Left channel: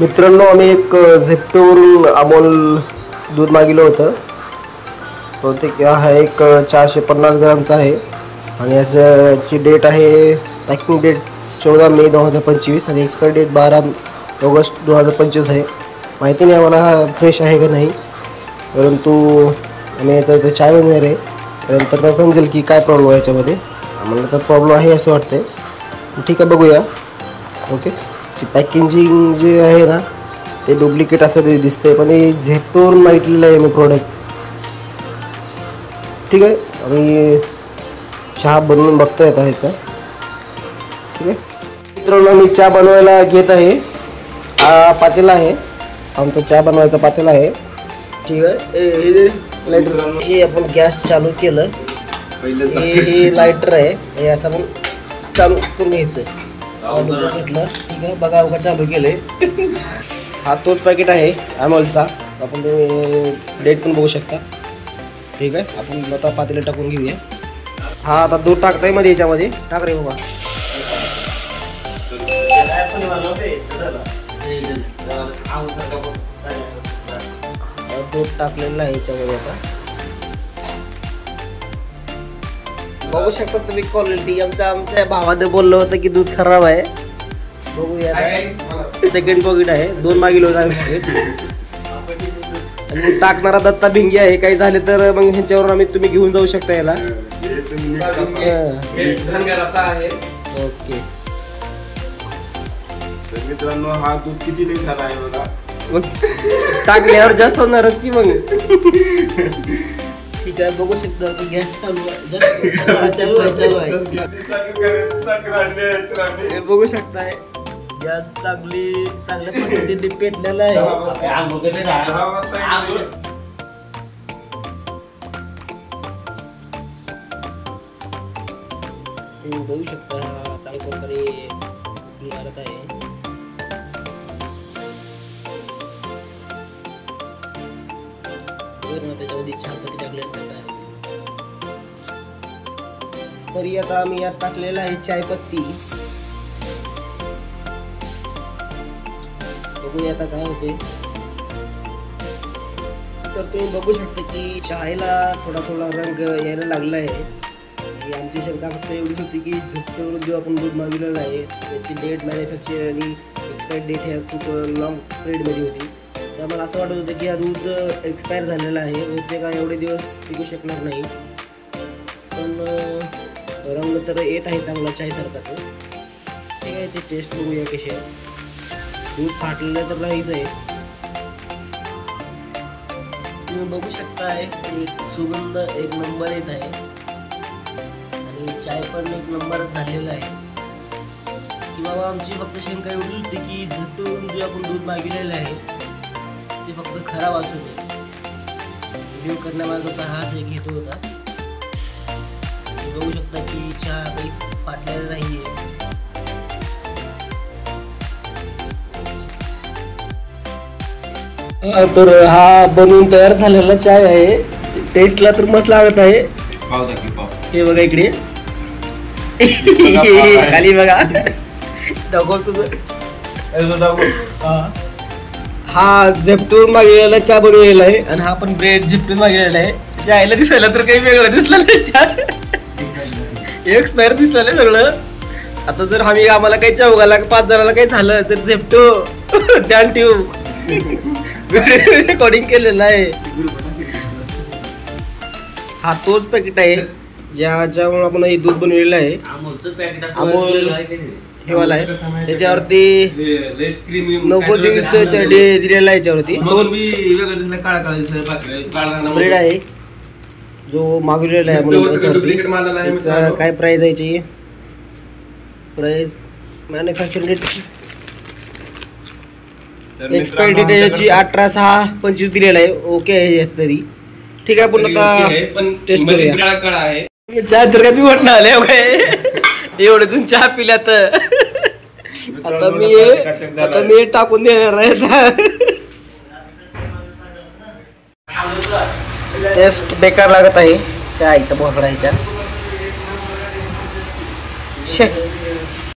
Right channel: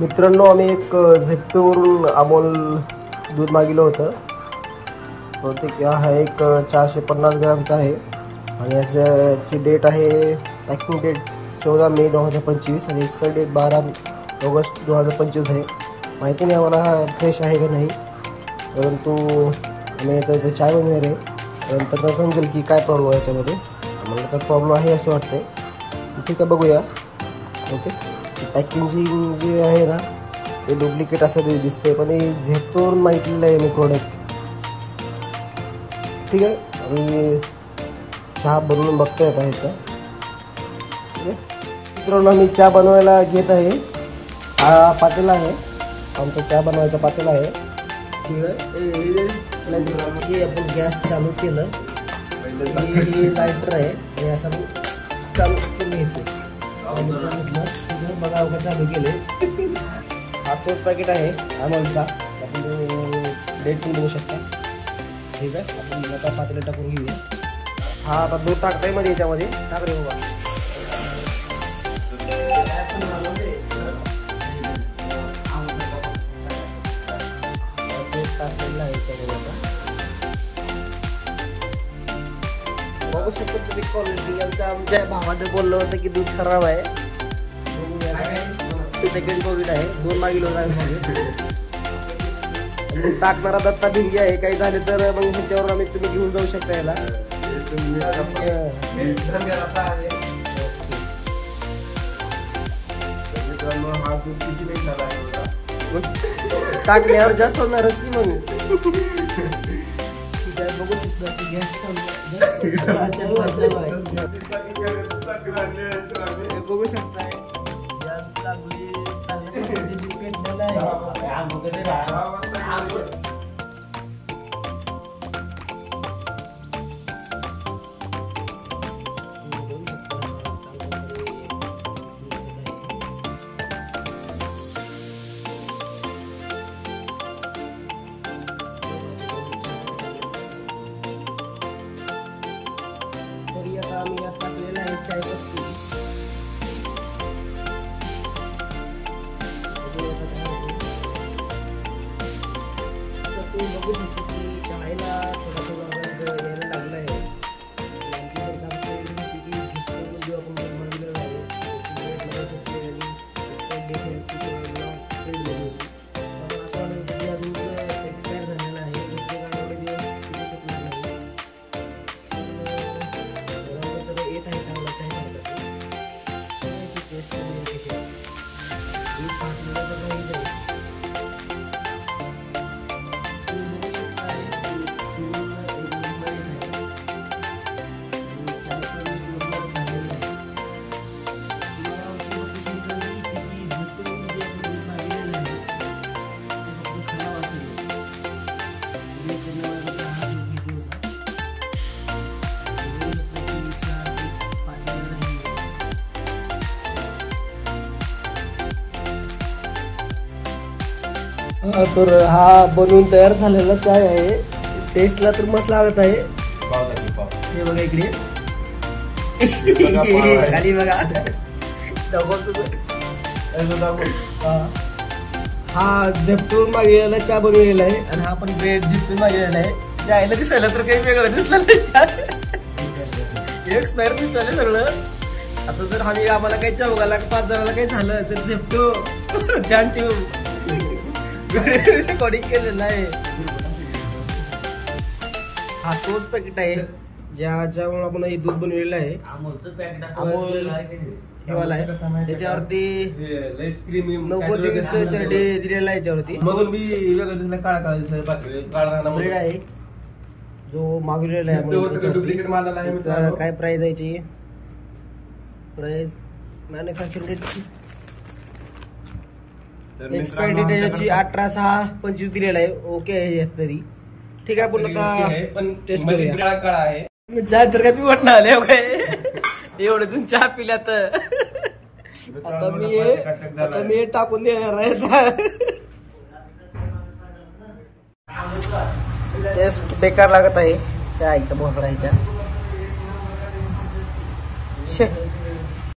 मित्रांनो, आम्ही एक झेप्टोवरून अमोल दूध मागवलं होतं. बहुतेक हा एक 450 ग्रामचा आहे आणि याची डेट आहे, पॅकिंग डेट 14 मे 2025 आणि एक्सपायरी डेट 12 ऑगस्ट 2025 आहे. माहिती नाही आम्हाला हा फ्रेश आहे का नाही, परंतु आम्ही याचा चाय बनवणार आहे. नंतर समजेल की काय प्रॉब्लेम आहे याच्यामध्ये. आम्हाला तर प्रॉब्लेम आहे असं वाटतं. ठीक आहे, बघूया. ओके, पॅकेजिंग जे आहे ना ते डुप्लिकेट असं दिसतंय, पण हे झेप्टोवरून मागितलेलं आहे मी प्रोडक्ट. ठीक आहे, आणि चहा बनवून बघता येत आहे का. ठीक आहे मित्रांनो, मी चहा बनवायला घेत आहे. हा पातेला आहे, आमचा चहा बनवायचा पातेला आहे. ठीक आहे, हे आपण गॅस चालू केलं, हे लायटर आहे, हे असं आपण चालू करून घ्यायचं. घेतलं. ठीक आहे, बघा उगा चालू केलंय. हा तोच पॅकेट आहे अमोलचा, आपण डेट पण बघू शकता. ठीक आहे, आपण आता पातेला टाकून घेऊया. हा आता दूध टाकताय मध्ये, याच्यामध्ये टाक रे बाबा. दूध टाकलेलं आहे याच्यामध्ये. आता बघू शकता तुम्ही क्वालिटी. आमच्या भावाने बोललं होतं की दूध खराब आहे. बघूया, सेकंड पॉकेट आहे, 2 मागील होता. टाकणारा दत्ता भिंगी आहे. काही झाले तर मग ह्याच्यावर आम्ही तुम्ही घेऊन जाऊ शकता याला. ओके मित्रांनो, हा दूध किती दिवसाचा आहे बघा. टाकल्यावर जास्त होणार की मग. ठीक आहे, बघू शकता की गॅस चालू आहे. बघू शकताय गॅस चांगली चांगल्या पद्धतीने पेटलेला आहे. बघू शकता काय प्रकारे निघालत आहे. त्याच्यामध्ये चहापत्ती टाकल्या. तरी आता आम्ही यात टाकलेला आहे चायपत्ती. आता काय होते तर तुम्ही बघू शकता की चहाला थोडा थोडा रंग यायला लागला आहे. आमची शंका फक्त एवढी होती की झेप्टोवरून जो आपण दूध मागवलेलं आहे त्याची डेट मॅन्युफॅक्चर आणि एक्सपायरी डेट ह्या खूप लॉंग पिरियडमध्ये होती. तर मला असं वाटत होतं की हा दूध एक्सपायर झालेला आहे, ते काय एवढे दिवस टिकू शकणार नाही. पण रंग तर येत आहे चांगला चायसारखा. ठीक आहे, याची टेस्ट बघूया कशी आहे. दूध फाटलेलं तर नाहीच आहे. तुम्ही बघू शकताय सुगंध एक नंबर येत आहे आणि चाय पण एक नंबरच झालेला आहे. की बाबा आमची फक्त शंका एवढी होती की झेप्टोवरून जे आपण दूध मागवलेलं आहे ते फक्त खराब असू नये. रिव्ह्यू करण्यामागचा हाच एक हेतू होता. बघू शकता की चहा एक फाटलेला नाही आहे. तर हा बनवून तयार झालेला चाय आहे. टेस्टला तर मस्त लागत आहे. हे बघा इकडे खाली बघा. हा झेप्टोवरून मागवलेला चहा बनवलेला आहे आणि हा पण ब्रेड झेप्टून मागवलेला आहे. चायला दिसायला तर काही वेगळं दिसलं नाही, एक्सपायर दिसलं नाही सगळं. आता जर आम्हाला काही चौघाला 5 जणांना काही झालं तर झेप्टो ध्यान ठेवू रेकॉर्डिंग केलेला आहे. हा तोच पॅकेट आहे ज्याच्यामुळे आपण हे दूध बनवलेलं आहे. अमोल हेवाला आहे. त्याच्यावरती 90 दिवसाचा डे दिलेला आहे. याच्यावरती ब्रेड आहे जो मागवलेला आहे म्हणून. काय प्राइस आहे याची? Price manufacturing date expiry date याची 18/6/25 दिलेला आहे. ओके आहे तरी. ठीक आहे, पुन्हा टेस्ट करूया. चहा तर कमी वाटणं आले काय एवढे तुम्ही चहा पिल्या तर आता मी टाकून देणार आहे. टेस्ट बेकार लागत आहे चहाचा बोकडा ह्याच्यात.